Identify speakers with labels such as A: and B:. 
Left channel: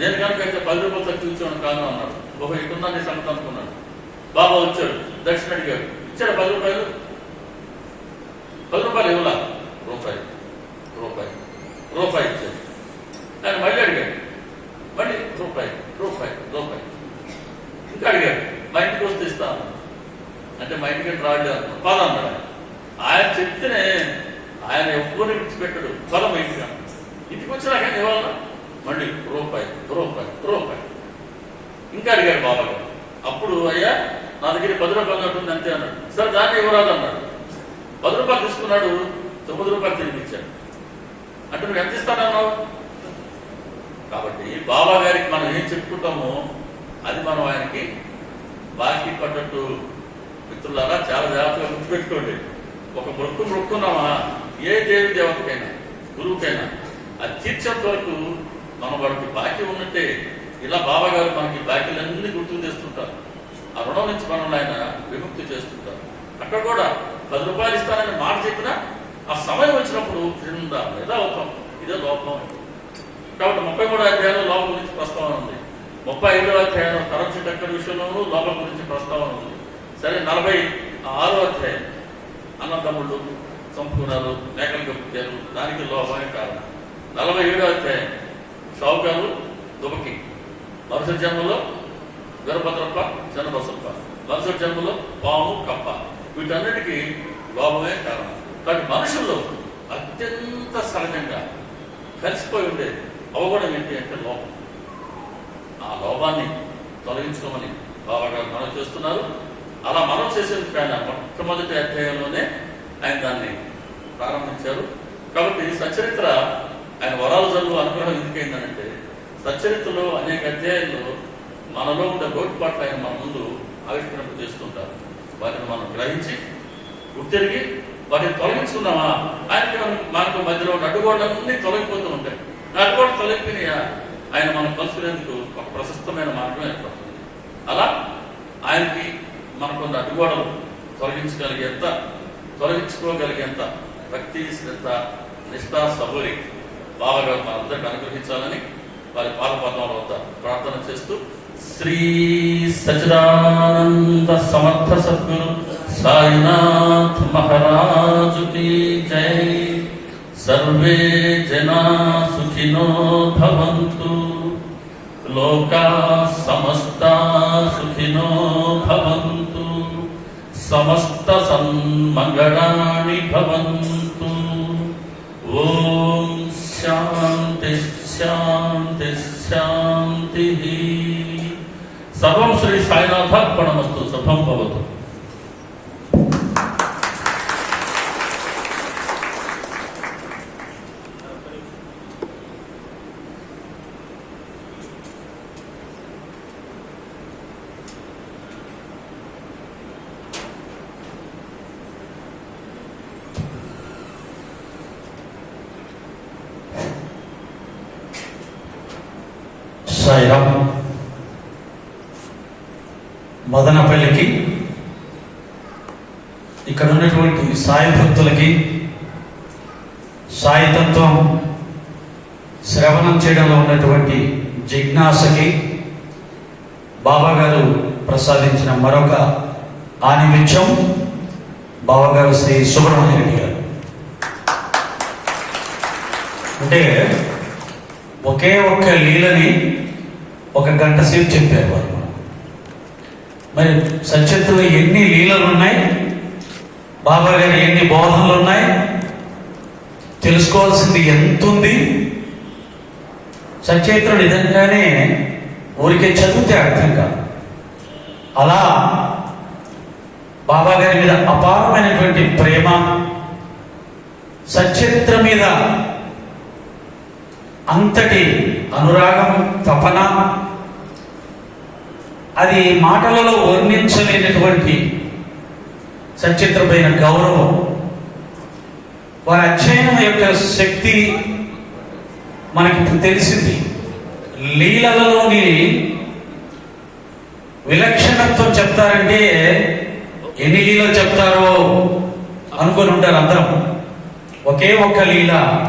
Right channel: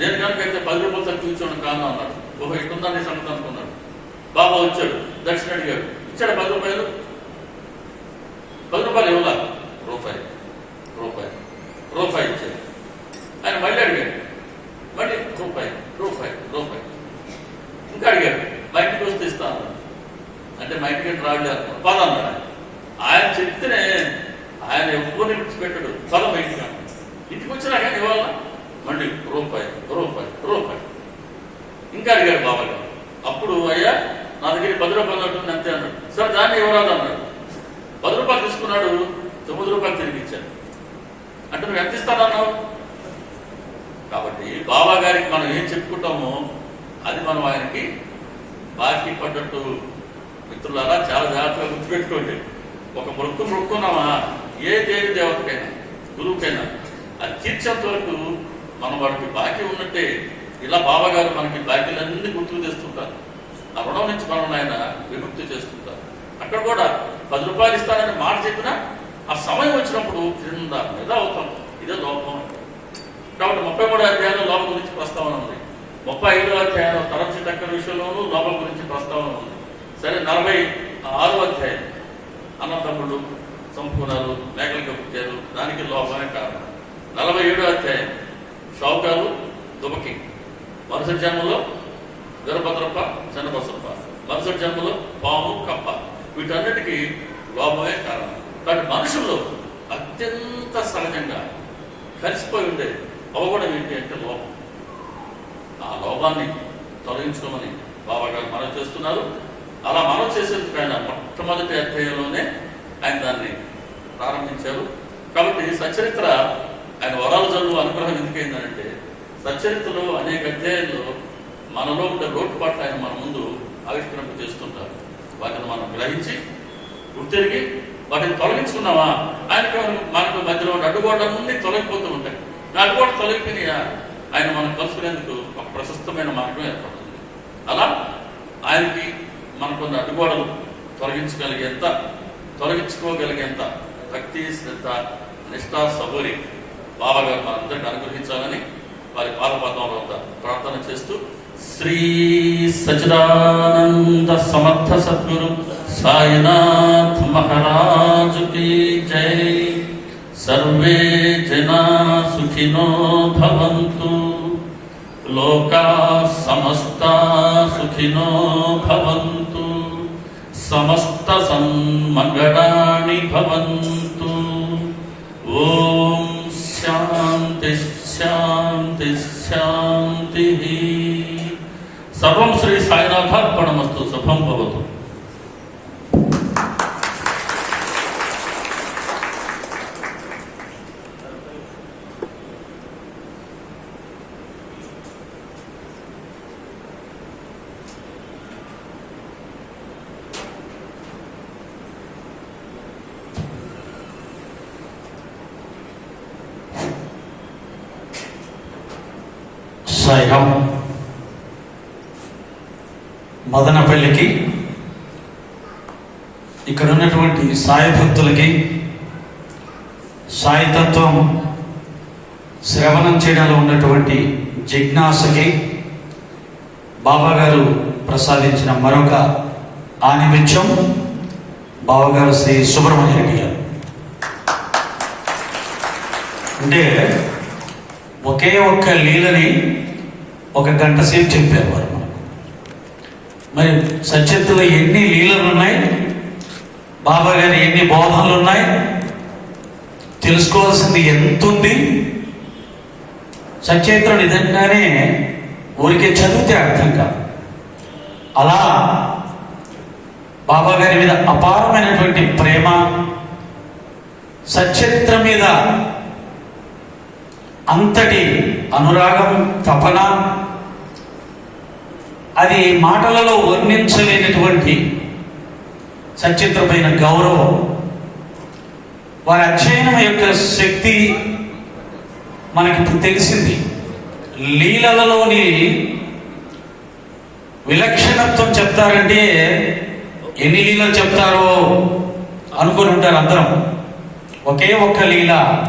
A: నేను కనుక అయితే పది రూపాయలు తక్కువ ఇచ్చాను కాను అన్నాడు. ఓహో ఇటున్నా సంగతి అనుకున్నాడు బాబా వచ్చాడు దక్షిణ అడిగాడు ఇచ్చాడు పది రూపాయలు? పది రూపాయలు ఇవ్వలా? రూపాయి రూపాయి రూపాయి ఇచ్చాడు. ఆయన మళ్ళీ అడిగాడు మళ్ళీ రూపాయి రూపాయి రూపాయి. ఇంకా అడిగాడు మా ఇంటికి వస్తే ఇస్తాను. అంటే మా ఇంటికి రావట్లేదు పదం ఆయన. ఆయన చెప్తేనే ఆయన ఎవ్వరిని విడిచిపెట్టడు. ఫలం ఇంటికి ఇంటికి వచ్చినా కానీ ఇవాళ మళ్ళీ రూపాయి రూపాయి రూపాయి. ఇంకా అడిగాడు బాబాయ్. గారు. అప్పుడు అయ్యా నా దగ్గర పది రూపాయలు ఉంటుంది అంతే అన్నాడు. సరే దాన్ని ఇవ్వరాదు అన్నాడు పది రూపాయలు తీసుకున్నాడు తొమ్మిది రూపాయలు తిరిగి ఇచ్చాడు. అంటే నువ్వు ఎంత ఇస్తానన్నావు కాబట్టి బాబా గారికి మనం ఏం చెప్పుకుంటామో అది మనం ఆయనకి బాకీ పడ్డట్టు. మిత్రులారా చాలా జాగ్రత్తగా గుర్తుపెట్టుకోండి. ఒక మొక్కు మొక్కున్నామా ఏ దేవి దేవతకైనా గురువుకైనా అది తీర్చేంత వరకు మనం వాడికి బాకీ ఉన్నట్టే ఇలా బాబా గారు మనకి బాకీలన్నీ గుర్తుకు తెస్తుంటారు. ఆ రుణం నుంచి మనల్ని ఆయన విముక్తి చేస్తుంటారు. అక్కడ కూడా పది రూపాయలు ఇస్తానని మాట చెప్పినా ఆ సమయం వచ్చినప్పుడు క్రింద మీద అవుతాం ఇదే లోపం. కాబట్టి ముప్పై మూడో అధ్యాయంలో లోపం గురించి ప్రస్తావన ఉంది. ముప్పై ఐదో అధ్యాయంలో తరచు టక్కర విషయంలోనూ లోపం గురించి ప్రస్తావన ఉంది. సరే నలభై ఆరో అధ్యాయం. అన్నతమ్ముళ్ళు సంపూర్ణాలు మేకలిక పుట్టారు దానికి లోపమే కారణం. నలభై ఏడో అధ్యాయం. షౌకాలు దుమకి. మరుసటి జన్మలో వీరభద్రప్ప చన్నబసప్ప. మరుసటి జన్మలో పాము కప్ప. వీటన్నిటికీ లోపమే కారణం. కానీ మనుషుల్లో అత్యంత సహజంగా కలిసిపోయి ఉండే అవగడం ఏంటి అంటే లోపం. ఆ లోపాన్ని తొలగించుకోమని బాబా గారు మనం చేస్తున్నారు. అలా మనం చేసేందుకు ఆయన మొట్టమొదటి అధ్యాయంలోనే ఆయన దాన్ని ప్రారంభించారు. కాబట్టి సచరిత్ర ఆయన వరాల చదువు అనుగ్రహం ఎందుకైందనంటే సచరిత్రలో అనేక అధ్యాయాల్లో మనలో ఉండే లోటుపాట్లు ఆయన మన ముందు ఆవిష్కరింప చేస్తుంటారు. వాటిని మనం గ్రహించి గుర్తిరిగి వాటిని తొలగించుకున్నామా ఆయన మనకు మధ్యలో ఉన్న అడ్డుగోడలన్నీ తొలగిపోతూ ఉంటాయి ఆ అడ్డుగోడ తొలగిపోయినా ఆయన మనం కలుసుకునేందుకు ఒక ప్రశస్తమైన మార్గం ఏర్పడుతుంది. అలా ఆయనకి మనకున్న అడ్డుగోడలు తొలగించగలిగేంత తొలగించుకోగలిగేంత భక్తి శ్రద్ధ నిష్ఠా సబూరి బాబా గారు మనందరికీ అనుగ్రహించాలని వారి పాదపద్మంలో వద్ద ప్రార్థన చేస్తూ శ్రీ సచిదానంద సమర్థ సద్గురు సాయినాథ్ మహారాజు की జై. సర్వే జనా సుఖినో భవంతు. లోకా సమస్త సుఖినో భవంతు. సమస్త సన్మంగళాని భవంతు ఓం శాంతి శాంతి శాంతి సర్వం శ్రీ సాయినాథ అర్పణమస్తు శుభం భవతు
B: సాయిరాం. మదనపల్లికి ఇక్కడ ఉన్నటువంటి సాయి భక్తులకి సాయితత్వం శ్రవణం చేయడంలో ఉన్నటువంటి జిజ్ఞాసకి బాబాగారు ప్రసాదించిన మరొక ఆనిమిత్యం బాబాగారు శ్రీ సుబ్రహ్మణ్య రెడ్డి గారు. అంటే ఒకే ఒక్క లీలని ఒక గంట సేపు చెప్పారు. వారు మరి సత్యత్తులో ఎన్ని లీలలు ఉన్నాయి? బాబా గారి ఎన్ని బోధనలు ఉన్నాయి? తెలుసుకోవాల్సింది ఎంత ఉంది? సచేత్ర నిజంగానే ఊరికే చదివితే అర్థం కాదు. అలా బాబా గారి మీద అపారమైనటువంటి ప్రేమ సచరిత్ర మీద అంతటి అనురాగం తపన. అది మాటలలో వర్ణించలేనటువంటి సచిత్ర గౌరవం. వారి అధ్యయనం యొక్క శక్తి మనకి తెలిసింది. లీలలలోని విలక్షణత్వం చెప్తారంటే ఎన్ని లీలలు చెప్తారో అనుకుని ఉంటారు అందరం. ఒకే ఒక్క లీల.